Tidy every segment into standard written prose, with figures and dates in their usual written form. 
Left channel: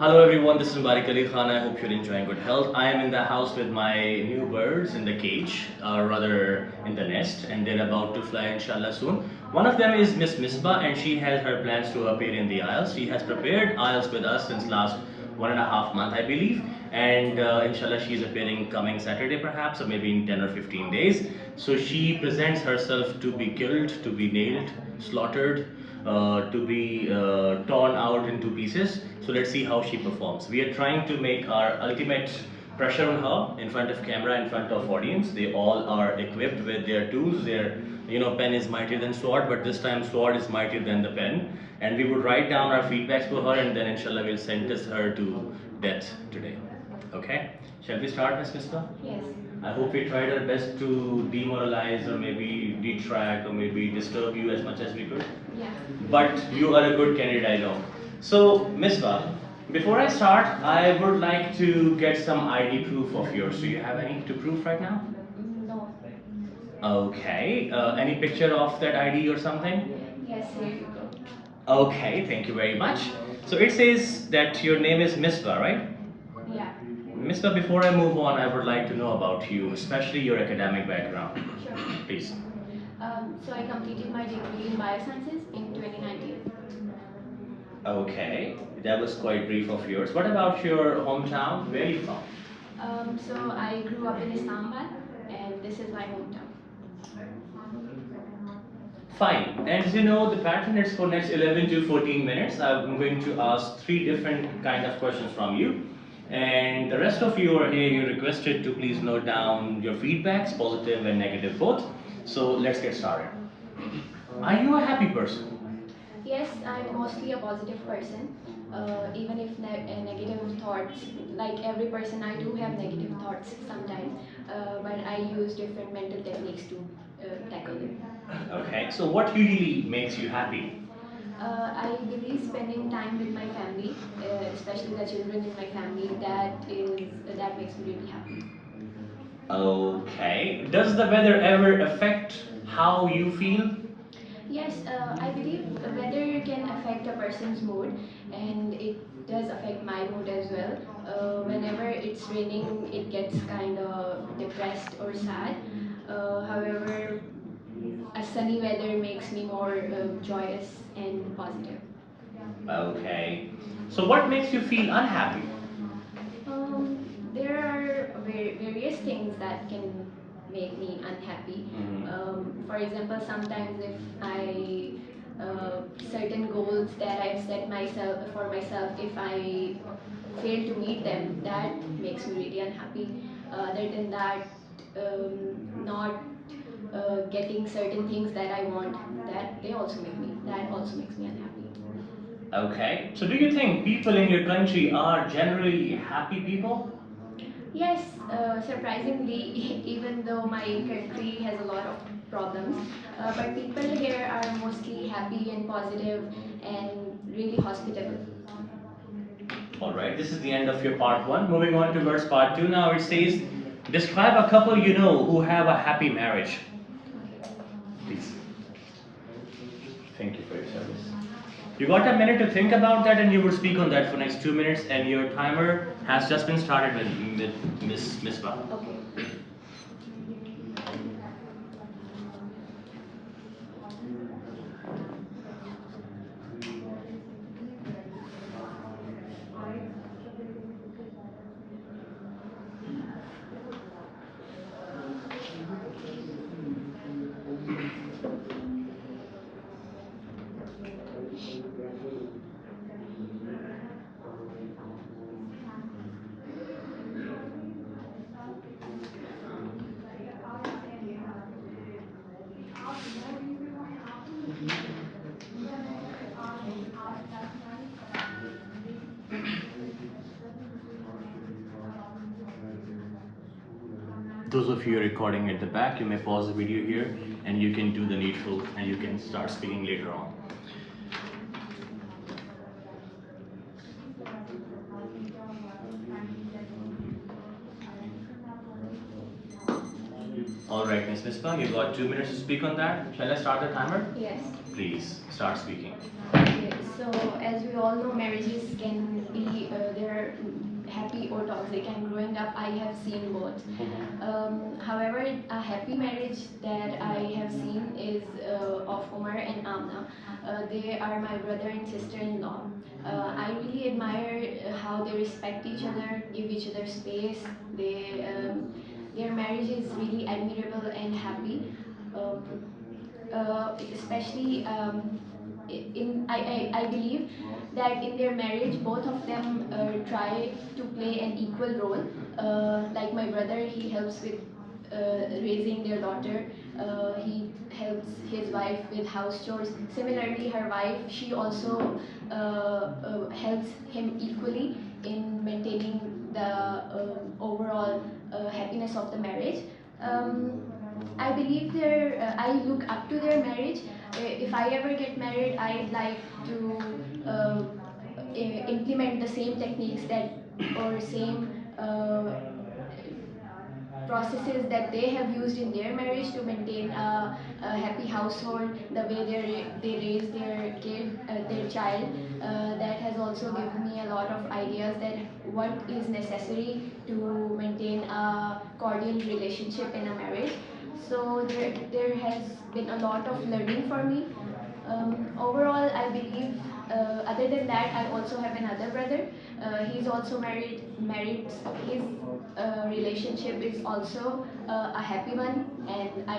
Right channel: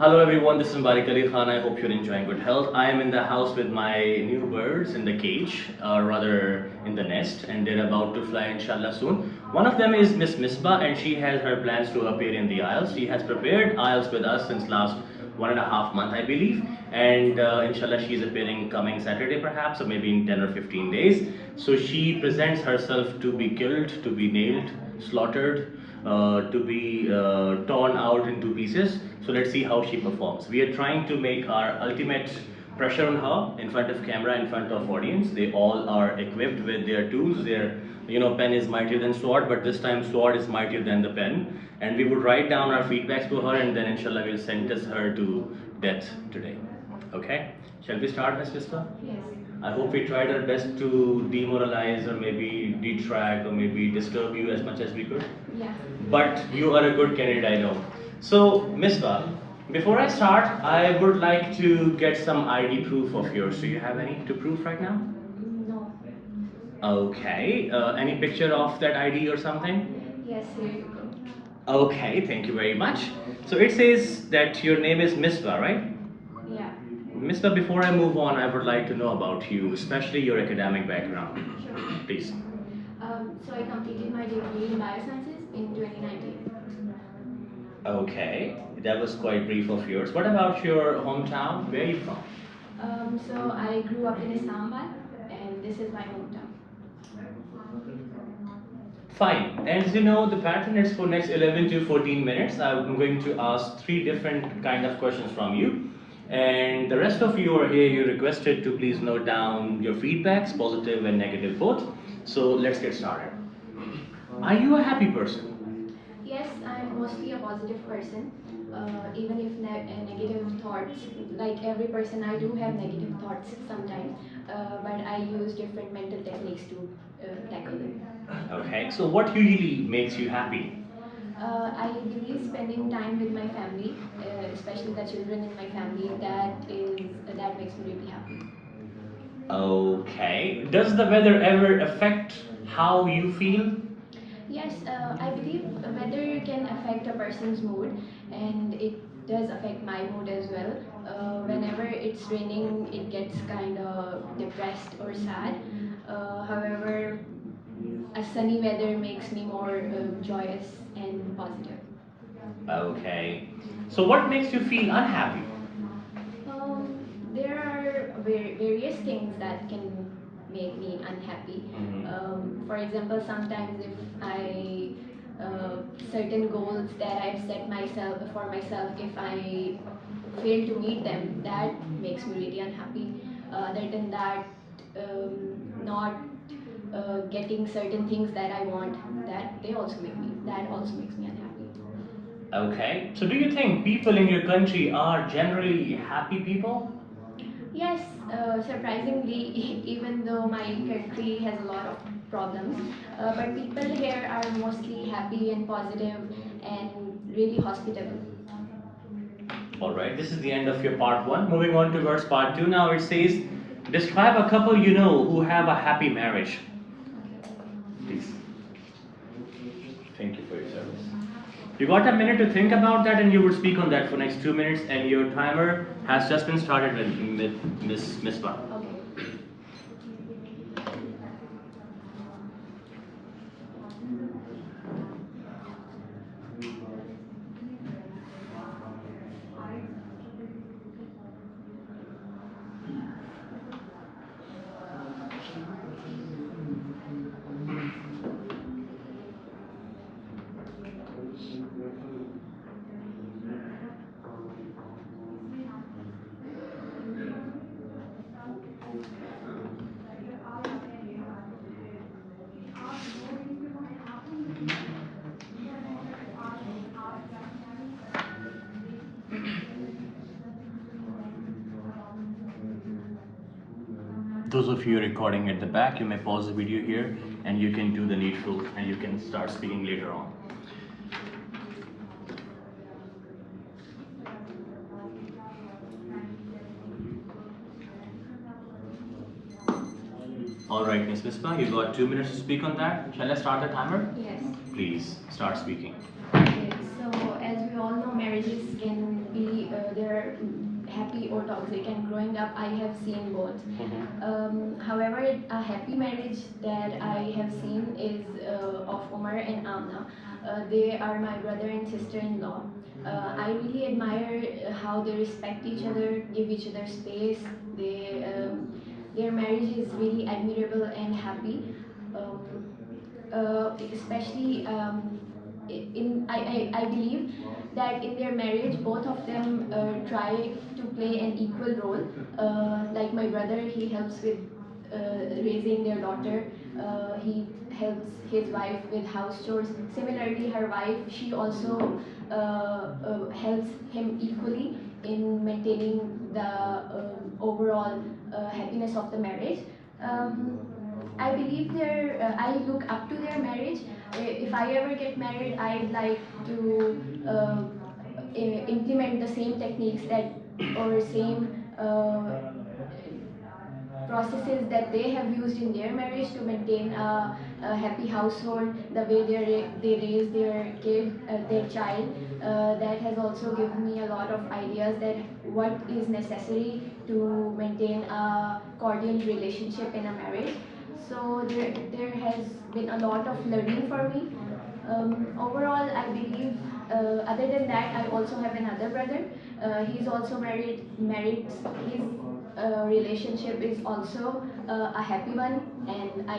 Hello everyone, this is Mubarik Ali Khan. I hope you're enjoying good health. I am in the house with my new birds in the cage, rather in the nest, and they're about to fly inshallah soon. One of them is Miss Misbah, and she has her plans to appear in the IELTS. She has prepared IELTS with us since last 1.5 months, I believe, and inshallah she's appearing coming Saturday perhaps, or maybe in 10 or 15 days. So she presents herself to be killed, to be nailed, slaughtered, to be torn out into pieces. So let's see how she performs. We are trying to make our ultimate pressure on her in front of camera, in front of audience. They all are equipped with their tools. Their pen is mightier than sword, but this time sword is mightier than the pen. And we would write down our feedbacks to her, and then inshallah we'll sentence her to death today. Okay? Shall we start, Ms. Misbah? Yes. I hope we tried our best to demoralize or maybe detract or maybe disturb you as much as we could. Yeah. But you are a good candidate, I know. So, Misbah, before I start, I would like to get some ID proof of yours. Do you have any to prove right now? No. Okay. Any picture of that ID or something? Yes, here you go. Okay, thank you very much. So it says that your name is Misbah, right? Yeah. Misbah, before I move on, I would like to know about you, especially your academic background. Sure. Please. So I completed my degree in biosciences in 2019. Okay, that was quite brief of yours. What about your hometown? Where are you from? So I grew up in Islamabad, and this is my hometown. Fine. And as you know, the pattern is for next 11 to 14 minutes. I'm going to ask 3 different kind of questions from you. And the rest of you are here, you're requested to please note down your feedbacks, positive and negative both. So let's get started. Are you a happy person? Yes, I'm mostly a positive person. Even if negative thoughts, like every person, I do have negative thoughts sometimes, but I use different mental techniques to tackle them. Okay, so what usually makes you happy? I believe spending time with my family, especially the children in my family, that makes me really happy. Okay. Does the weather ever affect how you feel? Yes, I believe the weather can affect a person's mood, and it does affect my mood as well. Whenever it's raining, it gets kind of depressed or sad. However, a sunny weather makes me more joyous and positive. Okay. So what makes you feel unhappy? Um, there are various things that can make me unhappy. For example, sometimes if I certain goals that I've set myself for myself, if I fail to meet them, that makes me really unhappy. Other than that, not getting certain things that I want, that also makes me unhappy. Okay. So do you think people in your country are generally happy people? Yes, surprisingly, even though my country has a lot of problems, but people here are mostly happy and positive and really hospitable. Alright, this is the end of your part 1. Moving on towards part 2 now, it says, describe a couple you know who have a happy marriage. Please. Thank you for your service. You got a minute to think about that, and you would speak on that for next 2 minutes, and your timer has just been started with Miss Misbah. Okay. Those of you recording at the back, you may pause the video here and you can do the needful and you can start speaking later on. Alright, Ms. Misbah, you got 2 minutes to speak on that. Shall I start the timer? Yes. Please, start speaking. Okay, so as we all know, marriages can be toxic, and growing up I have seen both. However, a happy marriage that I have seen is of Umar and Amna. They are my brother and sister-in-law. I really admire how they respect each other, give each other space. Their marriage is really admirable and happy. Especially I believe that in their marriage both of them try to play an equal role. Like my brother, he helps with raising their daughter. He helps his wife with house chores. Similarly, her wife, she also helps him equally in maintaining the overall happiness of the marriage. um, I believe I look up to their marriage. If I ever get married, I'd like to implement the same techniques that or same processes that they have used in their marriage to maintain a happy household, the way they raise their kid, their child. That has also given me a lot of ideas that what is necessary to maintain a cordial relationship in a marriage. So there has been a lot of learning for me. Overall, I believe, other than that, I also have another brother. He's also married. His relationship is also a happy one, and I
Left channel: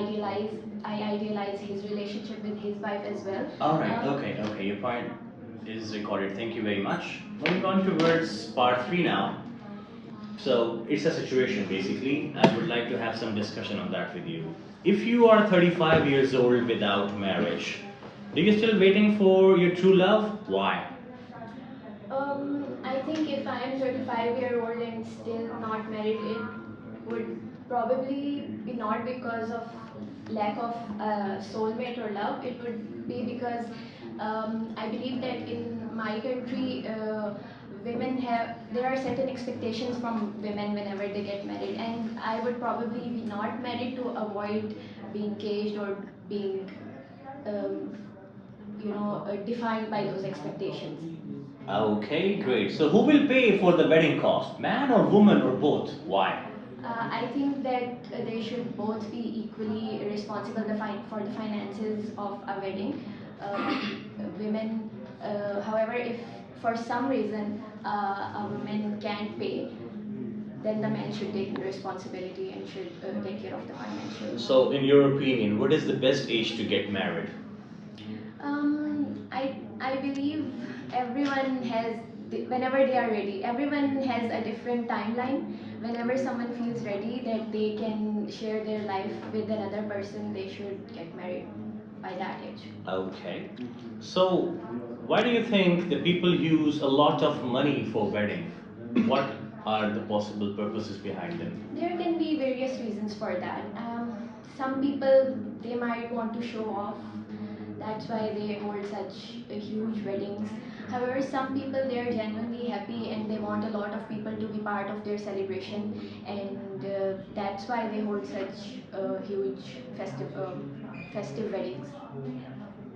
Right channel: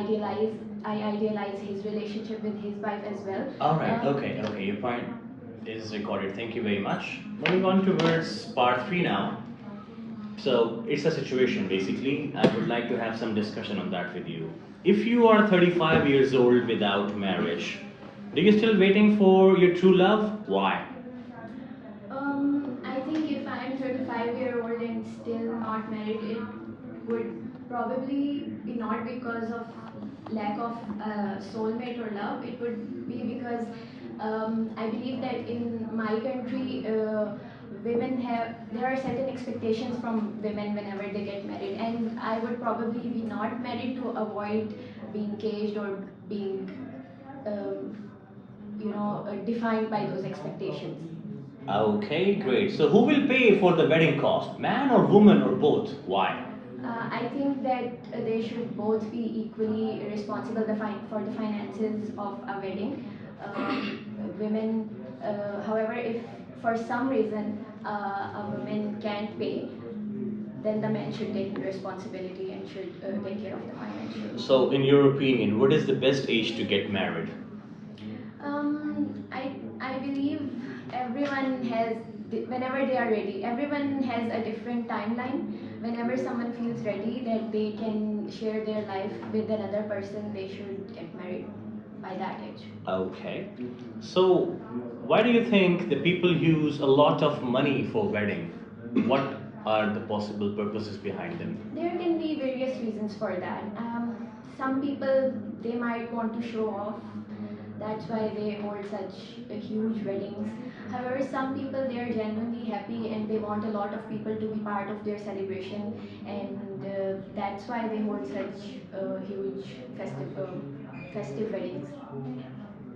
idealize his relationship with his wife as well. Alright, okay, your point is recorded. Thank you very much. Moving on towards part 3 now. So it's a situation basically. I would like to have some discussion on that with you. If you are 35 years old without marriage, are you still waiting for your true love? Why? I think if I am 35-year-old and still not married, it would probably be not because of lack of soulmate or love. It would be because I believe that in my country, there are certain expectations from women whenever they get married, and I would probably be not married to avoid being caged or being um, defined by those expectations. Okay, great. So who will pay for the wedding cost? Man or woman or both? Why? I think that they should both be equally responsible for the finances of a wedding. Women, however, if for some reason a woman can't pay, then the man should take the responsibility and should take care of the financial. So, in your opinion, what is the best age to get married? I believe everyone has, whenever they are ready, everyone has a different timeline. Whenever someone feels ready that they can share their life with another person, they should get married by that age. Okay. So, why do you think the people use a lot of money for wedding? What are the possible purposes behind them? There can be various reasons for that. Some people, they might want to show off. That's why they hold such huge weddings. However, some people, they are genuinely happy and they want a lot of people to be part of their celebration, and that's why they hold such huge festive weddings.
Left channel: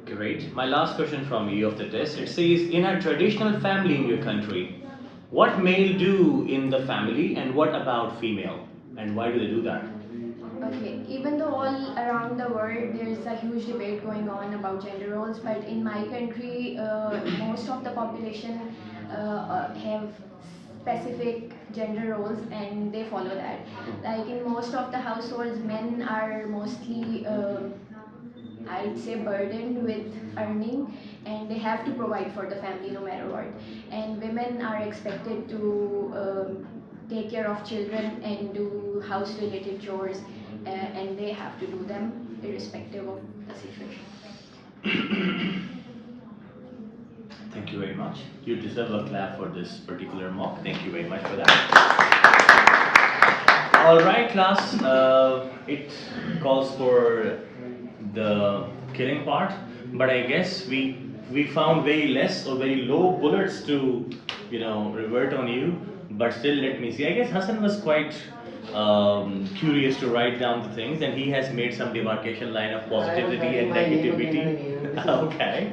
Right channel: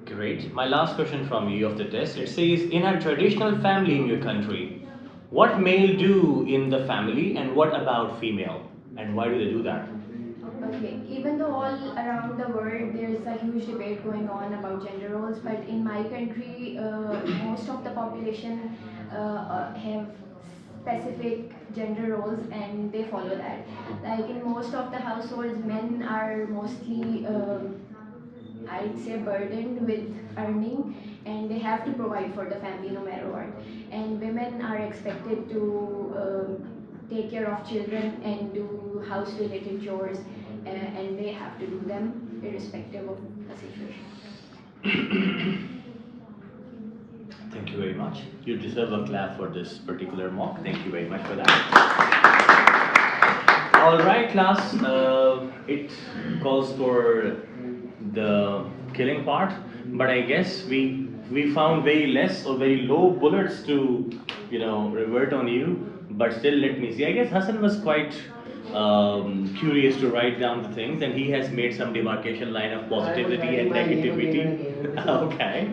Great. My last question from you of the test. It says, in a traditional family in your country, what male do in the family and what about female? And why do they do that? Okay, even though all around the world there's a huge debate going on about gender roles, but in my country, most of the population have specific gender roles and they follow that. Like in most of the households, men are mostly, I'd say, burdened with earning, and they have to provide for the family no matter what. And women are expected to take care of children and do house related chores, and they have to do them irrespective of the situation. Thank you very much. You deserve a clap for this particular mock. Thank you very much for that. All right, class. It calls for the killing part, but I guess we found very less or very low bullets to revert on you. But still, let me see. I guess Hassan was quite curious to write down the things, and he has made some demarcation line of positivity and negativity. Okay,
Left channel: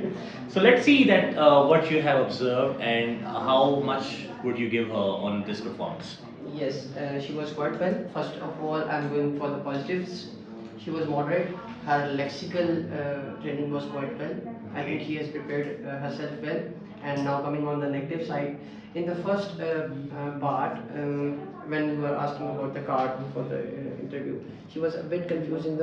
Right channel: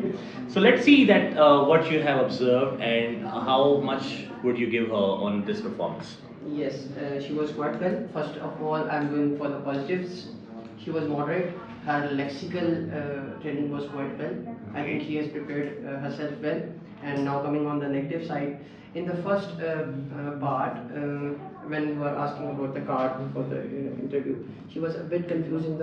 so let's see that what you have observed and how much would you give her on this performance. Yes, she was quite well. First of all, I'm going for the positives. She was moderate. Her lexical training was quite well. I think she has prepared herself well. And now coming on the negative side, in the first part, when you were asking about the card for the interview, she was a bit confused in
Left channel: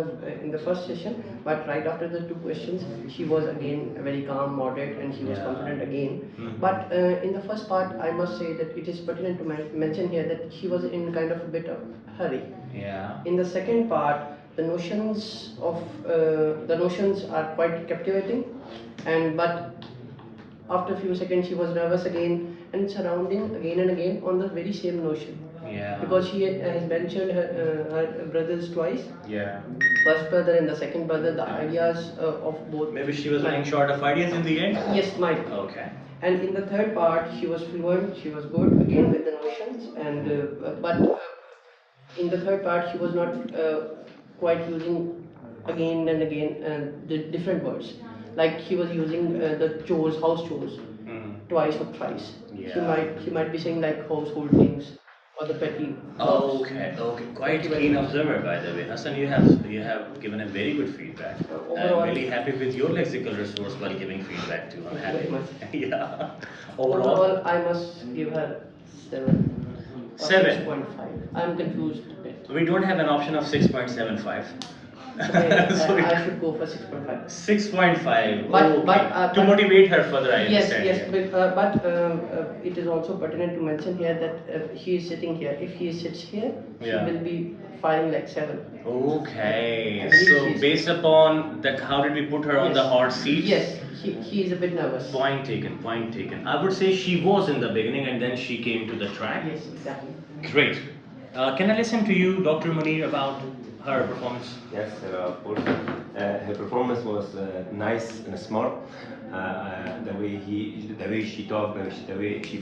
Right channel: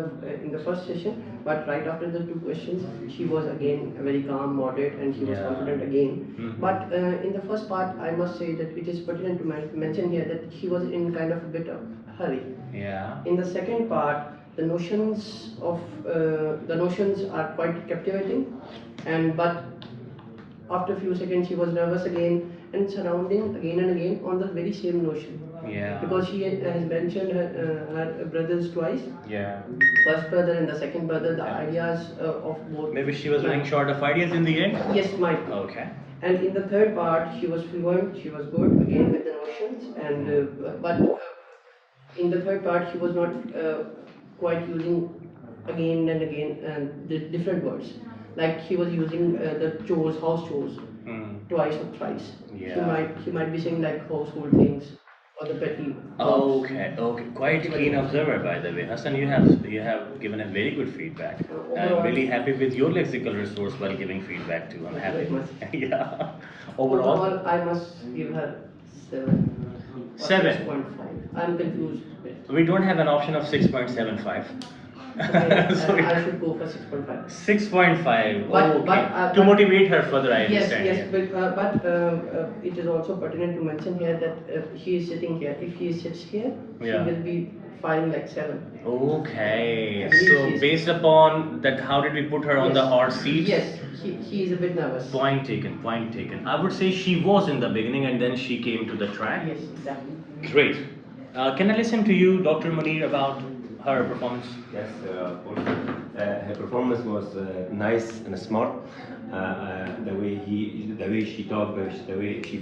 the first session. But right after the two questions, she was again very calm, moderate, and she was confident again. But in the first part, I must say that it is pertinent to mention here that she was in kind of a bit of hurry. Yeah. In the second part, the notions are quite captivating, and but after a few seconds she was nervous again and surrounding again and again on the very same notion. Yeah. Because she has mentioned her brothers twice. Yeah. First brother and the second brother, the ideas of both. Maybe she was running short of ideas in the end? Yes, might be. Okay. And in the third part, she was fluent, she was good again with the notions, and but in the third part, she was not quite using again and again the different words. Like she was using the chores, house chores, twice or thrice. Yeah. She might be saying like household things or the petty. Oh, okay, okay. Quite keen observer, by the way. Hassan, you have given a very good feedback. I'm really happy with your lexical resource while giving feedback too. I'm happy. Very much. Yeah. Overall, I must give her 7. Or 7. 6.5. I'm confused a bit. We don't have an option of 6.75. Okay, I should go for 6.5. 6.5. But to motivate her further, I yes, understand. yes, but it is also pertinent to mention here that she is sitting here. If she sits here, she Yeah. will be filing like 7. Okay, so based upon that, how did we put her on the hot seat? Yes, she is a bit nervous. Point taken, point taken. I would say she was in the beginning and then she came to the track. Yes, exactly. Great. Can I listen to you, Dr. Munir, about her performance? Yes, of course. Her performance was nice and smart. The way she talked, the way she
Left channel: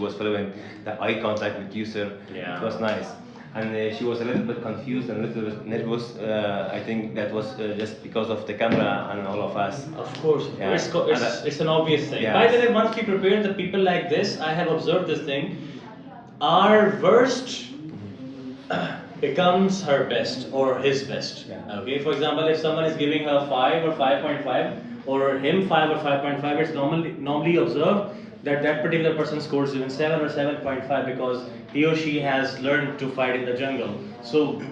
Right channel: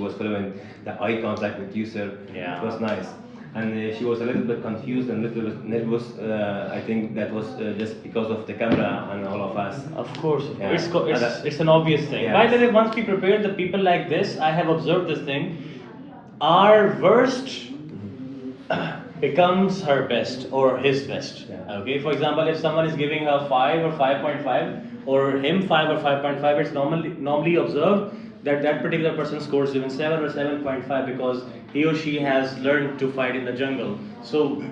was fluent, the eye contact with user, Yeah. it was nice. And she was a little bit confused and a little bit nervous. I think that was just because of the camera and all of us. Of course, Yeah. it's an obvious thing. Yeah. By the way, once we prepare the people like this, I have observed this thing. Our worst becomes her best or his best. Yeah. Okay, for example, if someone is giving her 5 or 5.5 or him 5 or 5.5, it's normally observed that that particular person scores even 7 or 7.5 because he or she has learned to fight in the jungle. So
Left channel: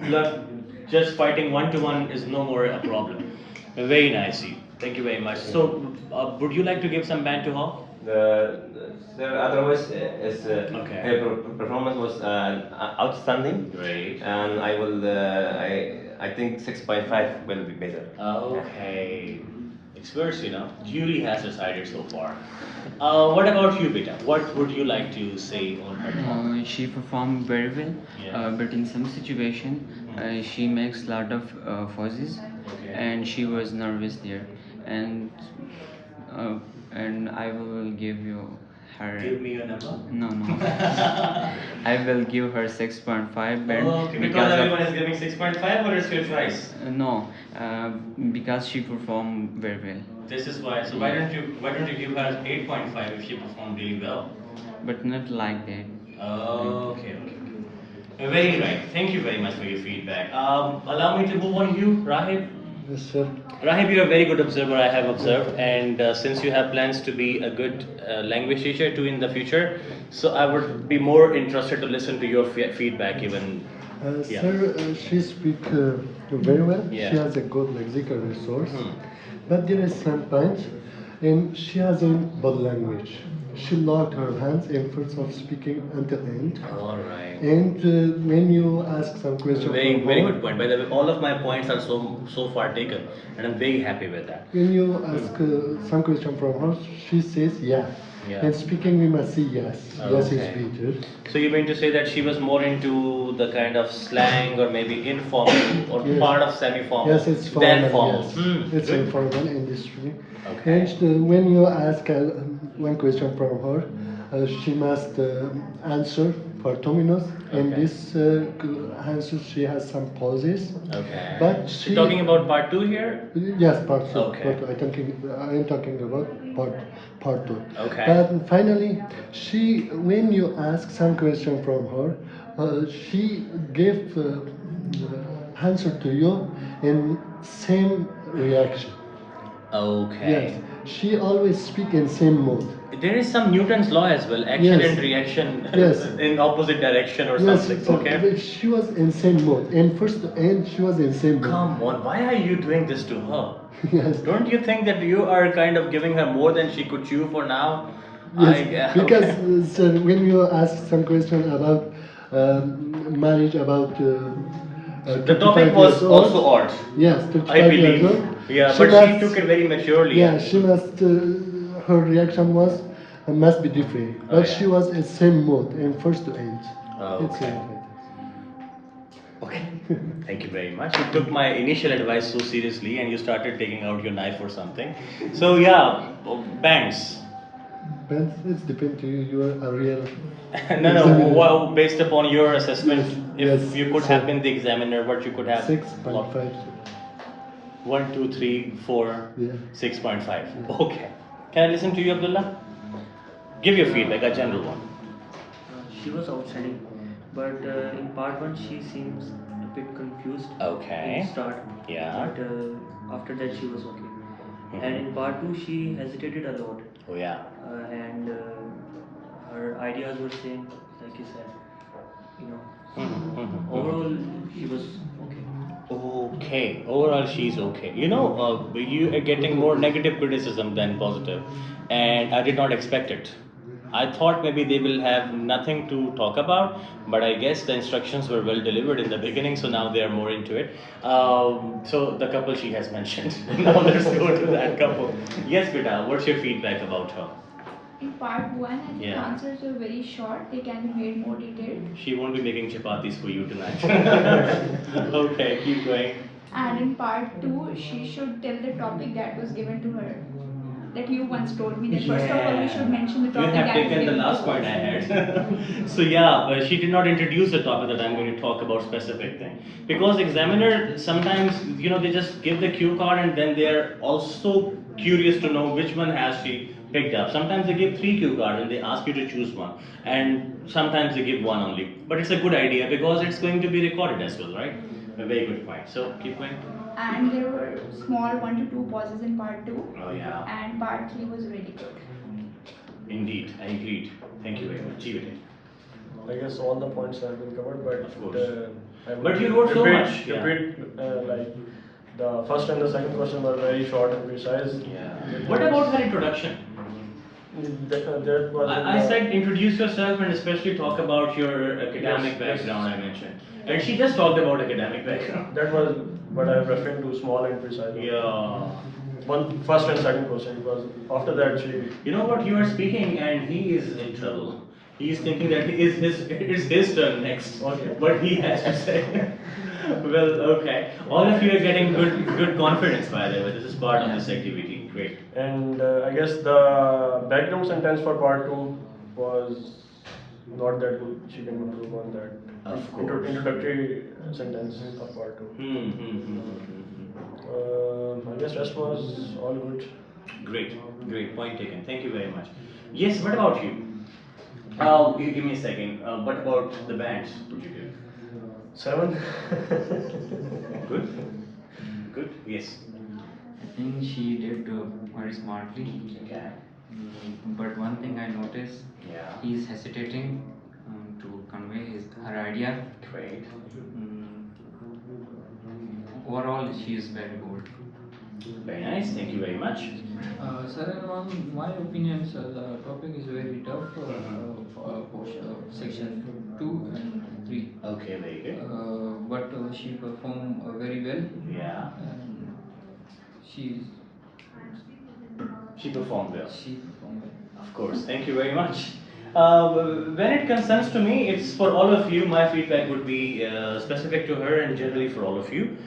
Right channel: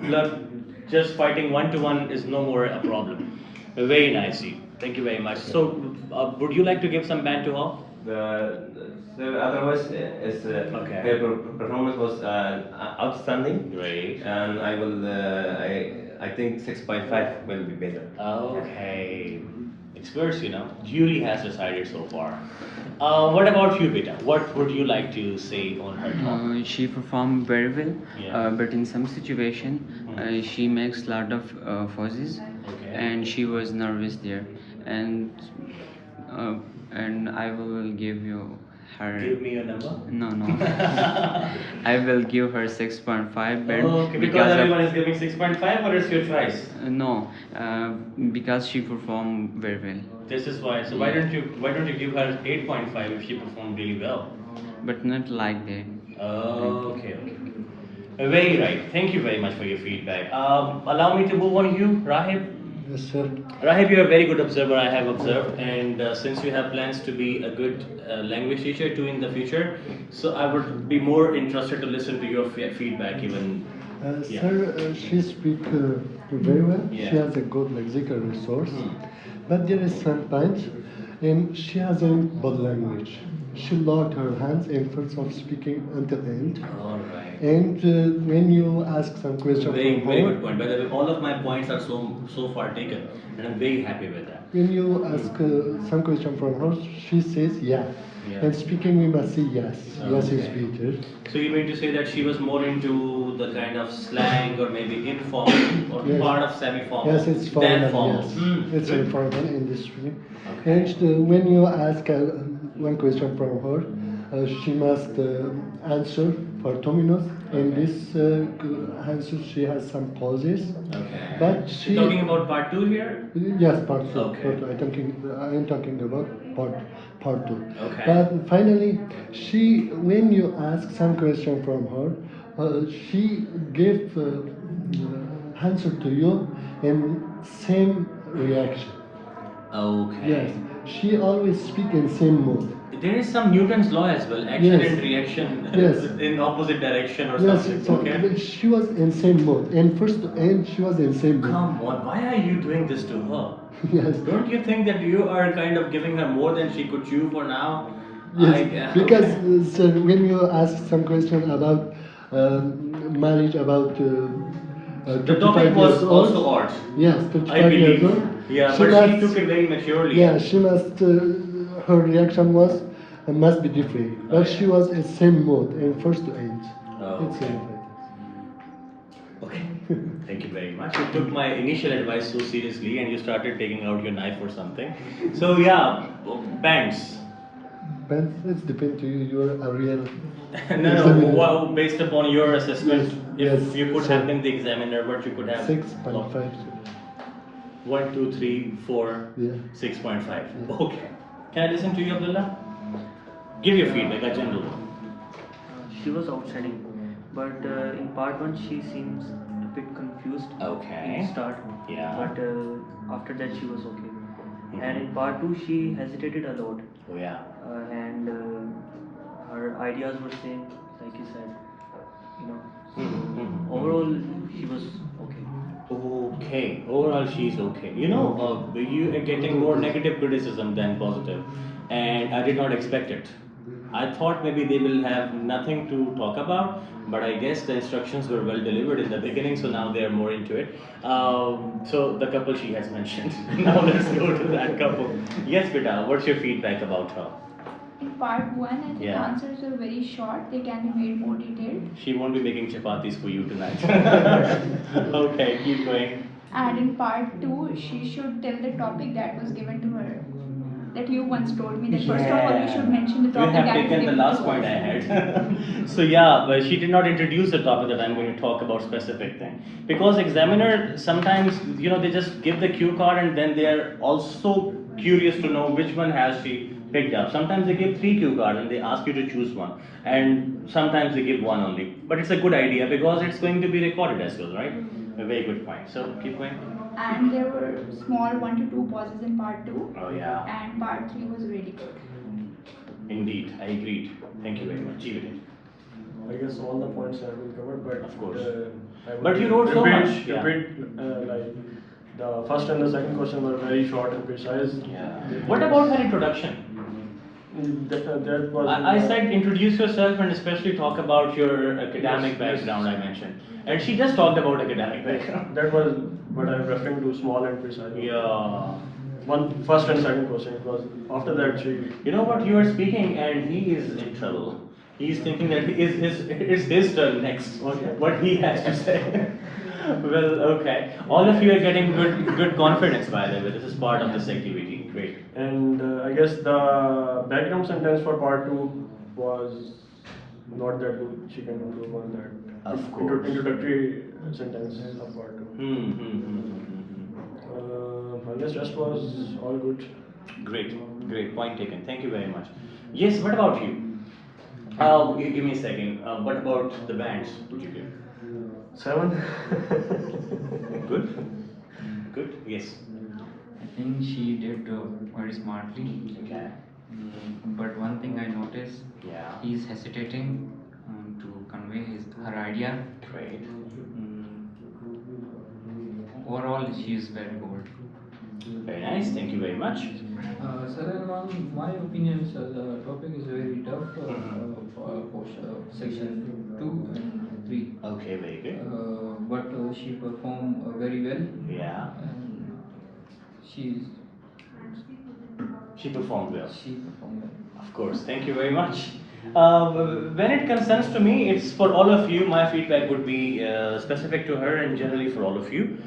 just fighting one-to-one is no more a problem. Very nicely. Thank you very much. So would you like to give some band to her? Otherwise, Okay. her performance was outstanding. Great. And I think 6.5 will be better. Okay. It's worse, you know. Julie has decided so far. What about you, Peter? What would you like to say on her? She performed very well, Yeah. but in some situation, she makes a lot of pauses, Okay. and she was nervous there. And I will give you her. Give me your number. No, no. I will give her 6.5 band Okay, because everyone is giving 6.5 or it's your choice? No, because she performed very well. This is why. So why don't you give her 8.5 if she performed really well? But not like that. Okay, okay. Very right. Thank you very much for your feedback. Allow me to move on you, Rahib. Yes, sir. Rahib, you're a very good observer, I have observed, and since you have plans to be a good language teacher too in the future, so I would be more interested to listen to your feedback even. Yeah. Sir, she speaks very well. Yeah. She has a good lexical resource. But there is some point, and she has a body language. She locked her hands in first of speaking until end. All right. And when you ask some question Very, from very her, good point. By the way, all of my points are so far taken, and I'm very happy with that. when you ask some question from her, she says yeah. Yeah. And speaking, we must say yes. Yes is Okay. better. So you mean to say that she was more into the kind of slang or maybe informal or Yes. part of semi-formal Yes, it's than formal. formal? Yes, it's Good. informal industry. Okay. And when you ask one question from her, she must answer for 2 minutes. In Okay. this answer, she has some pauses. Okay. But she You're talking about part 2 here? yes, part two. Okay. I am talking about part part two. Okay. But finally, when you ask some question from her, she gave answer to you in same reaction. Okay. Yes, she always speak in same mode. There is some Newton's law as well, action Yes. and reaction Yes. in opposite direction or Yes, something. so Okay. she was in same mode. And first to end, she was in same mode. Come on, why are you doing this to her? Yes. Don't you think that you are kind of giving her more than she could chew for now? Yes, because sir, when you ask some question about marriage, about the topic 25 was years old. also odd. Yes, I 25 years believe. old. Yeah, She but must- she took it very maturely. Yeah, she must. Her reaction was must be different, but yeah. she was in same mode and first to end. Oh, It's okay. enough, I think. Okay. Thank you very much. You took my initial advice so seriously and you started taking out your knife or something. So yeah, bands. But it's depend to you. You are a real. No, examiner. well, based upon your assessment, Yes, if you could sir. have been the examiner, what you could have? 6.5. 1, 2, 3, 4, Yeah. 6.5. Yeah. Okay. Can I listen to you, Abdullah? Give your feedback, a general one. She was outstanding, but in part one she seems a bit confused Okay. in start. Yeah. But after that she was okay. Mhm. And in part two she hesitated a lot, Oh yeah. and her ideas were same, like you said. You know. Mhm. Overall, she was okay. Okay, overall she's okay. You know, you are getting more negative criticism than positive, and I did not expect it. I thought maybe they will have nothing to talk about, but I guess the instructions were well delivered in the beginning, so now they are more into it. So the couple she has mentioned. Now let's go to that couple. Yes, Beta, what's your feedback about her? In part 1, I think the Yeah. answers are very short. They can be made more detailed. She won't be making chapatis for you tonight. Okay, keep going. And in part 2, she should tell the topic that was given to her. That you once told me that first of all we should mention the topic You have that is taken the given last to point us. I had. So yeah, but she did not introduce the topic that I'm going to talk about specific thing. Because examiner sometimes, you know, they just give the cue card and then they are also curious to know which one has she picked up. Sometimes they give 3 cue cards and they ask you to choose one. And sometimes they give one only. But it's a good idea because it's going to be recorded as well, right? A very good point. So keep going. And there were small 1 to 2 pauses in part 2. Oh yeah. And part 3 was really good. Indeed, I agreed. Thank you very much. Jeevite. I guess all the points have been covered, but Of course. I would But you wrote so repeat, much, yeah. like the first and the second question were very short and precise. Yeah. What about her introduction? That was. I said introduce yourself and especially talk about your academic Yes, yes. background I mentioned. And she just talked about academic background. That was what I was referring to, small and precise. Yeah. One first and second question, because after that she. You know what, you are speaking and he is in trouble. He's thinking that it's his turn next. Okay. What he has to say. Well, okay. All of you are getting good confidence by the way. This is part of this activity. Great. And I guess the background sentence for part 2 was not that good. She can improve on that. Of course. Introductory sentence of part 2. I guess rest was all good. Great point taken. Thank you very much. Yes, what about you? Give me a second. What about the bands? Would you give? 7. Good. Yes. I think she did very smartly. Okay. But one thing I noticed, Yeah. he's hesitating to convey her idea. Great. Overall, she is very bold. Very nice. Thank you very much. Sir, in my opinion, sir, the topic is very tough for section 2 and 3. Okay, very good. But she performed very well. Yeah. And She performed well. she performed well. Of course. Thank you very much. When it concerns to me, it's for all of you. My feedback would be specific to her and generally for all of you.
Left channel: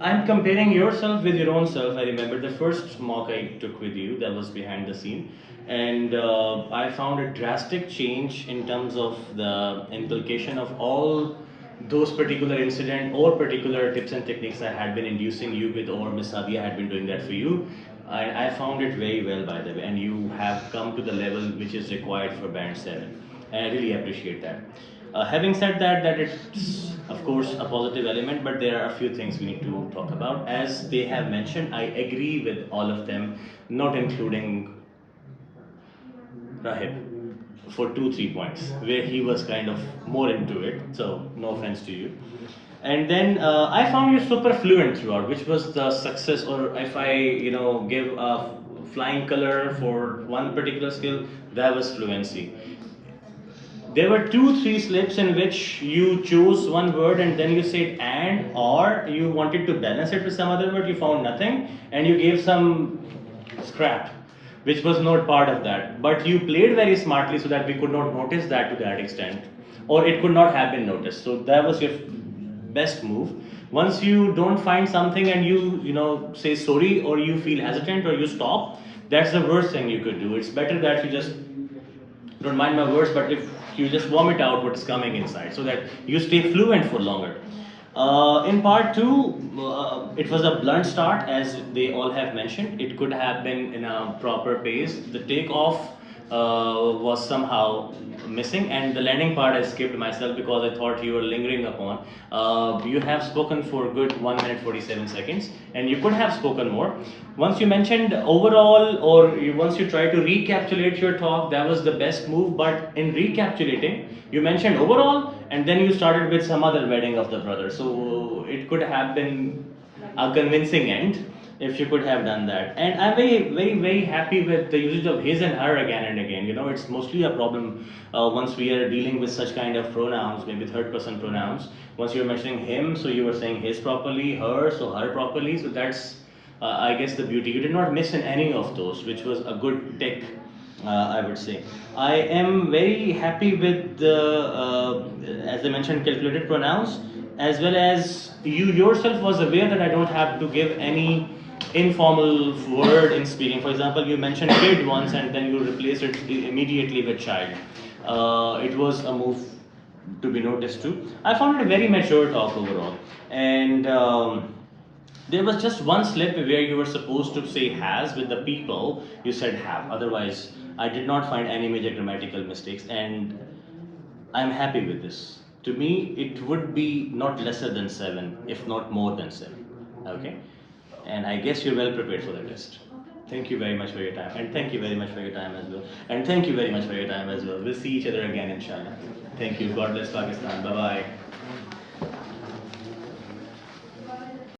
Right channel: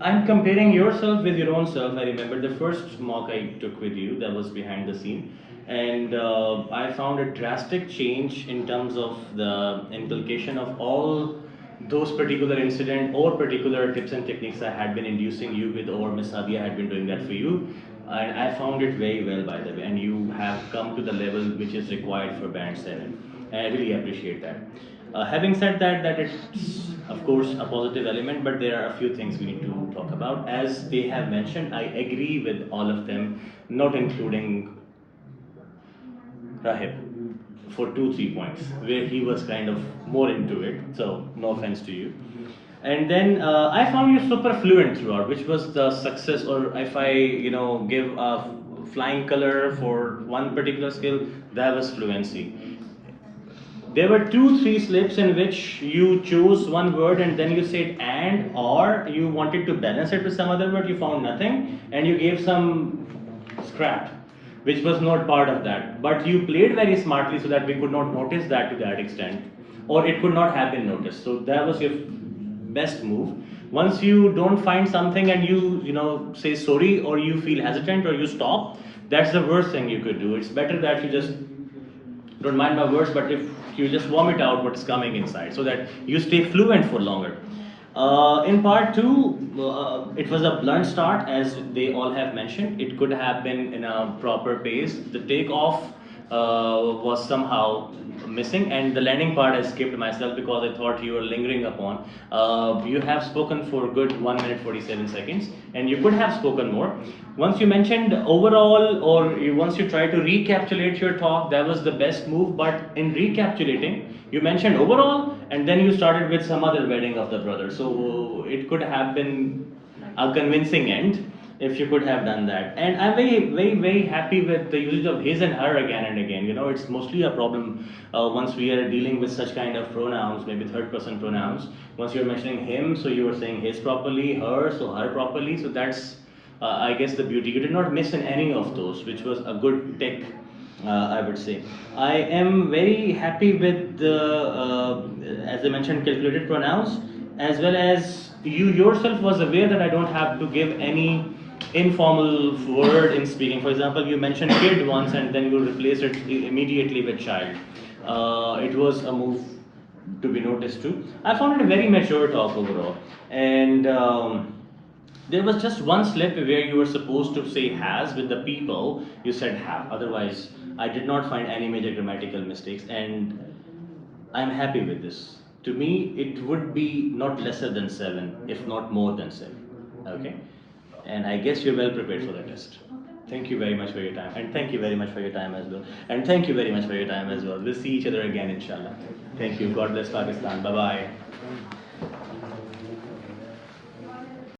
I'm comparing yourself with your own self. I remember the first mock I took with you that was behind the scene, and I found a drastic change in terms of the inculcation of all those particular incident or particular tips and techniques I had been inducing you with, or Miss Sadia had been doing that for you. I found it very well, by the way, and you have come to the level which is required for band 7. And I really appreciate that. Having said that, that it's of course a positive element, but there are a few things we need to talk about. As they have mentioned, I agree with all of them, not including Rahib, for 2-3 points where he was kind of more into it. So no offense to you. And then I found you super fluent throughout, which was the success. Or if I give a flying color for one particular skill, that was fluency. There were 2-3 slips in which you chose one word and then you said and, or you wanted to balance it with some other word, you found nothing and you gave some scrap which was not part of that. But you played very smartly so that we could not notice that to that extent, or it could not have been noticed. So that was your best move. Once you don't find something and you say sorry, or you feel hesitant, or you stop, that's the worst thing you could do. It's better that you just don't mind my words, but if you just vomit out what's coming inside so that you stay fluent for longer. In part 2, it was a blunt start, as they all have mentioned. It could have been in a proper pace. The takeoff was somehow missing, and the landing part I skipped myself because I thought you were lingering upon. You have spoken for good 1 minute 47 seconds, and you could have spoken more. Once you mentioned overall, or once you try to recapitulate your talk, that was the best move. But in recapitulating, you mentioned overall, and then you started with some other wedding of the brother. So it could have been a convincing end if you could have done that. And I'm very, very, very happy with the usage of his and her again and again. It's mostly a problem once we are dealing with such kind of pronouns, maybe third person pronouns. Once you're mentioning him, so you were saying his properly, her, so her properly. So that's, I guess, the beauty. You did not miss in any of those, which was a good tick. I would say. I am very happy with as I mentioned, calculated pronouns, as well as you yourself was aware that I don't have to give any informal word in speaking. For example, you mentioned kid once and then you replace it immediately with child. It was a move to be noticed too. I found it a very mature talk overall. And there was just one slip where you were supposed to say has with the people, you said have. Otherwise, I did not find any major grammatical mistakes, and I'm happy with this. To me, it would be not lesser than 7, if not more than 7. Okay? And I guess you're well prepared for the test. Thank you very much for your time. And thank you very much for your time as well. And thank you very much for your time as well. We'll see each other again, inshallah. Thank you. God bless Pakistan. Bye-bye.